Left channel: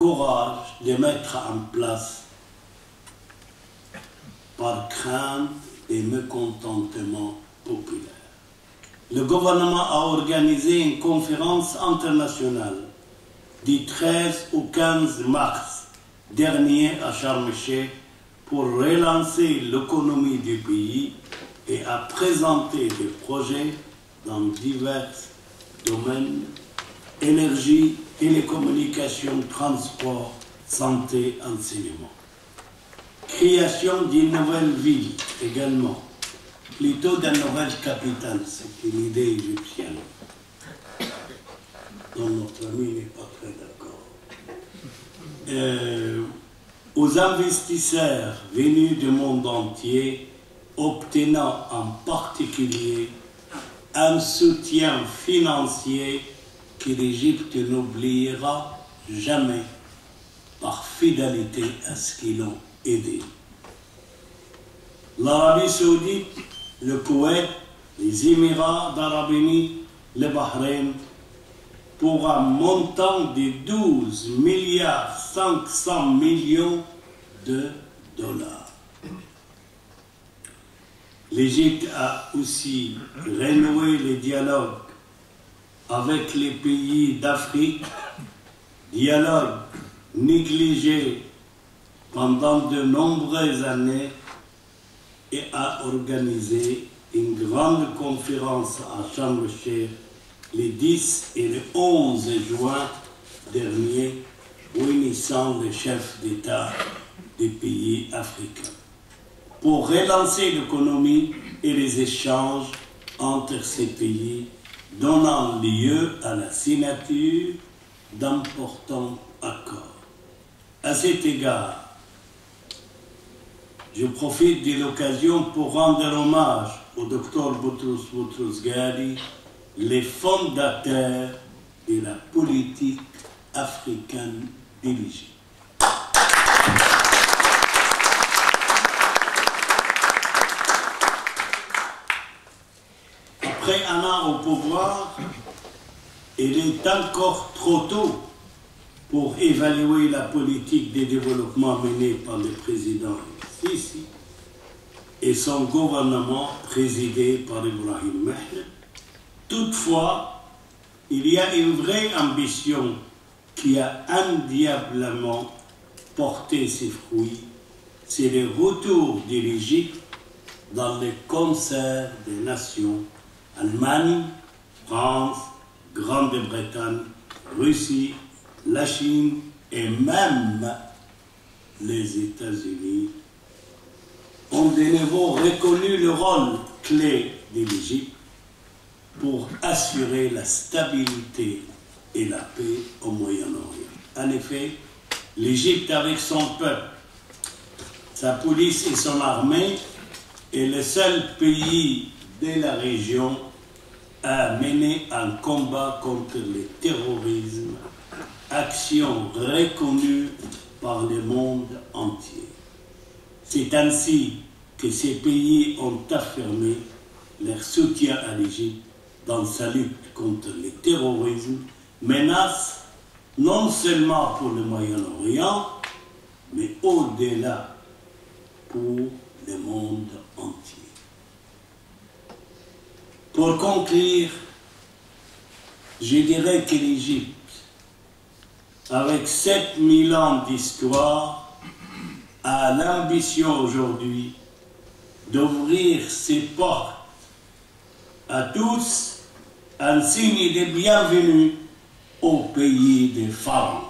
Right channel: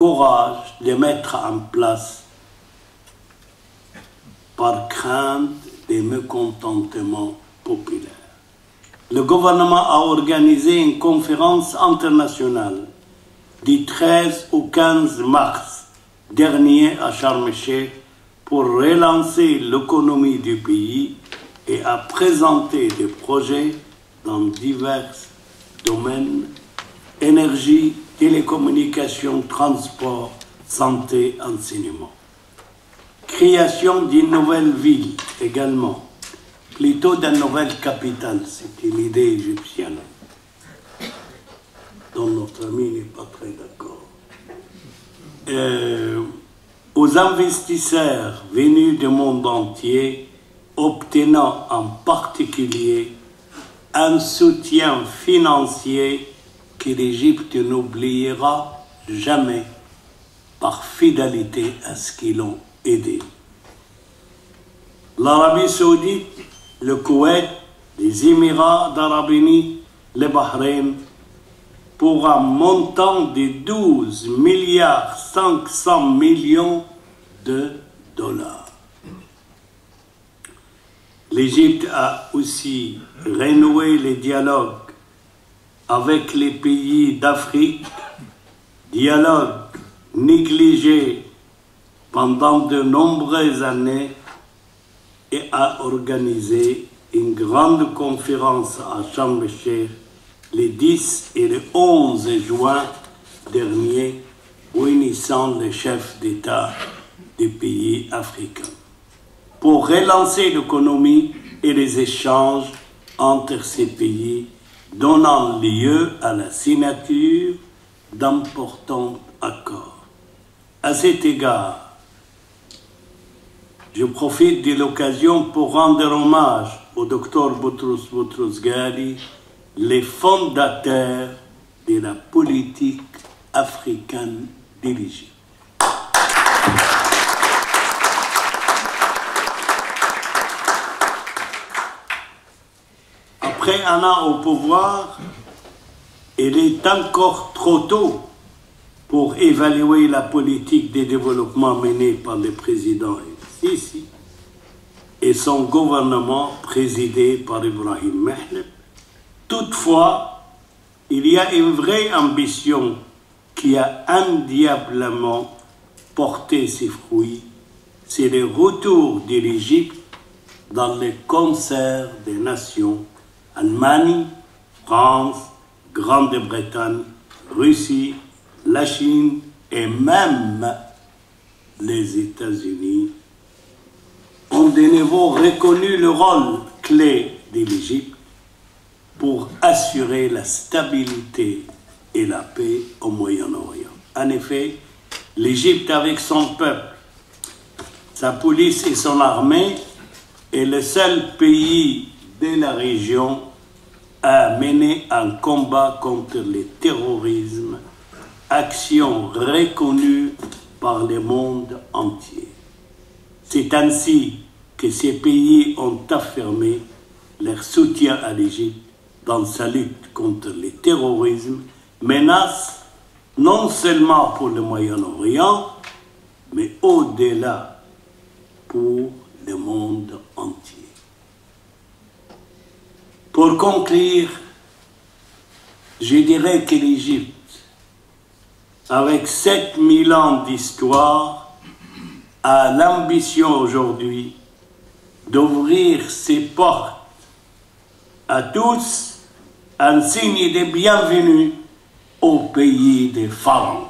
courage de mettre en place par crainte des mécontentements populaires. Le gouvernement a organisé une conférence internationale du 13 au 15 mars dernier à Sharm el-Sheikh pour relancer l'économie du pays et a présenté des projets dans divers domaines: énergie, télécommunications, transport, santé, enseignement. Création d'une nouvelle ville également, plutôt d'une nouvelle capitale, c'est une idée égyptienne, dont notre ami n'est pas très d'accord. Aux investisseurs venus du monde entier, obtenant en particulier un soutien financier que l'Égypte n'oubliera jamais par fidélité à ce qu'ils l'ont aidé. L'Arabie Saoudite, le Koweït, les Émirats d'Arabes Unis, le Bahreïn, pour un montant de 12 milliards 500 millions de dollars. L'Égypte a aussi renoué les dialogues avec les pays d'Afrique, dialogue négligé pendant de nombreuses années, et a organisé une grande conférence à Sharm el-Sheikh les 10 et le 11 juin dernier, réunissant les chefs d'État des pays africains pour relancer l'économie et les échanges entre ces pays, donnant lieu à la signature d'importants accords. À cet égard, je profite de l'occasion pour rendre hommage au Dr Boutros Ghali, les fondateurs de la politique africaine de l'Égypte. Après un an au pouvoir, il est encore trop tôt pour évaluer la politique de développement menée par le président Sisi et son gouvernement présidé par Ibrahim Mehleb. Toutefois, il y a une vraie ambition qui a indéniablement porté ses fruits, c'est le retour de l'Égypte dans le concert des nations Allemagne, France, Grande-Bretagne, Russie, la Chine et même les États-Unis ont de nouveau reconnu le rôle clé de l'Égypte pour assurer la stabilité et la paix au Moyen-Orient. En effet, l'Égypte, avec son peuple, sa police et son armée, est le seul pays de la région à mener un combat contre le terrorisme, action reconnue par le monde entier. C'est ainsi que ces pays ont affirmé leur soutien à l'Égypte dans sa lutte contre le terrorisme, menace non seulement pour le Moyen-Orient, mais au-delà pour le monde entier. Pour conclure, je dirais que l'Égypte, avec 7000 ans d'histoire, a l'ambition aujourd'hui d'ouvrir ses portes à tous, un signe de bienvenue au pays des pharaons.